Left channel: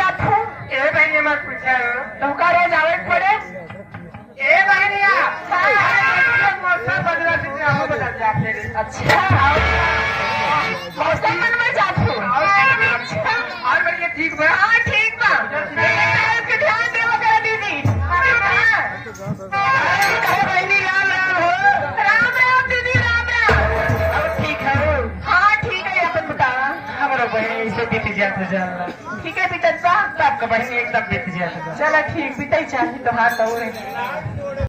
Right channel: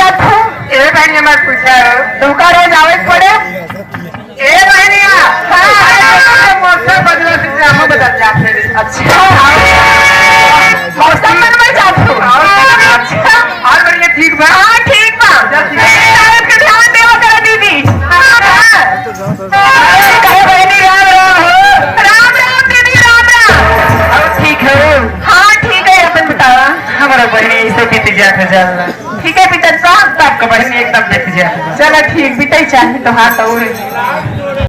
जात हो ए बहनी मत पूछा तुमका रोज आवे पड़े ए बहनिया हां मौसम बदला से हम बदल जाते अच्छा मौसम में जात हो अच्छा और बढ़िया ठीक बा हाँ ठीक बा तारक के ध्यान देवा करा दीदी कहे बहनी राम राम हो राम राम दीदी राम राम अब ठीक है हाँ ठीक है अपन बतावा हमारा बहनी ऐसे बीत जाते चलना ठीक है पिता साहब आपका बहनी एकदम बीत जाते चलो ठीक बीते चाहिए तो हाँ तो